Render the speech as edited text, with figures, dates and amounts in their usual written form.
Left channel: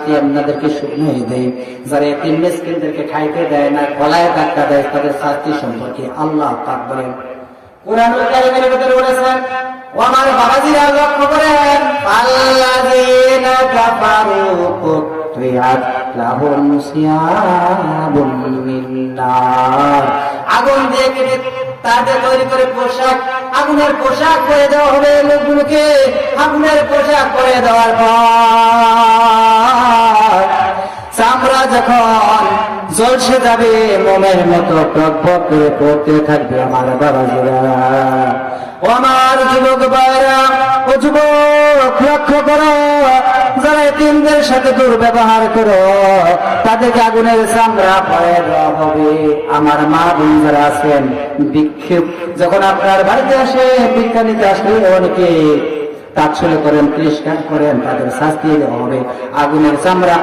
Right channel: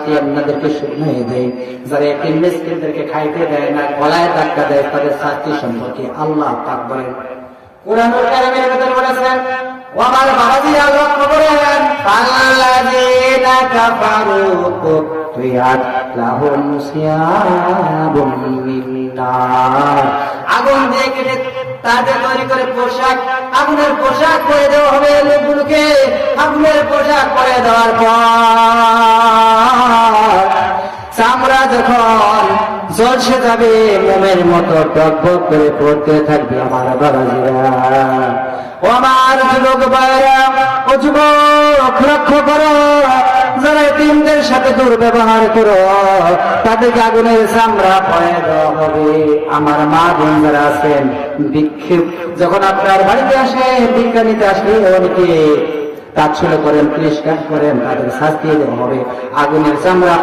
শাস্তি আপনাদেরকে শুনিয়ে দেই। যারা এতিম মিসকিনদেরকে খাইতে দেয় না, গলায় ধাক্কা দেয়, তাদের শাস্তি সম্পর্কে আল্লাহ পাক বলেন। কুরআনুল কারীমের ভিতরে বলেছেন, ও আমার বাবাজিরা লক্ষ্য করেন, আল্লাযীনা কাফারু কুত্রিয়াত লাহুম সিয়াবুম মিন নার, আগুন দিয়ে কেটে তাদের তৈরি করে পোশাক, আগুনের পোশাক পরে দেওয়া হবে লোকগুলোকে। আগুনের পোশাক পরে দেওয়ার পর চামড়া যখন জ্বলসে যাবে, মোমের মতো টকবক করে পড়তে থাকবে। আমার বাবাজিরা, ও আমার যুবক ভাইরা, ও যুবক লক্ষ্য করো, যারা এতিমদের সাথে দুর্ব্যবহার করো তাদেরকে আগুনের চামড়া পরে দেওয়া হবে। আমার মা বোন যারা আছেন, ভিক্ষুক যখন আপনার বাড়িতে আসে, ভিক্ষা নিতে আসলে অনেকে তাচ্ছল্য করেন, তিরস্কার করেন, তাদের শাস্তি দেওয়া হবে, আগুনের চামড়া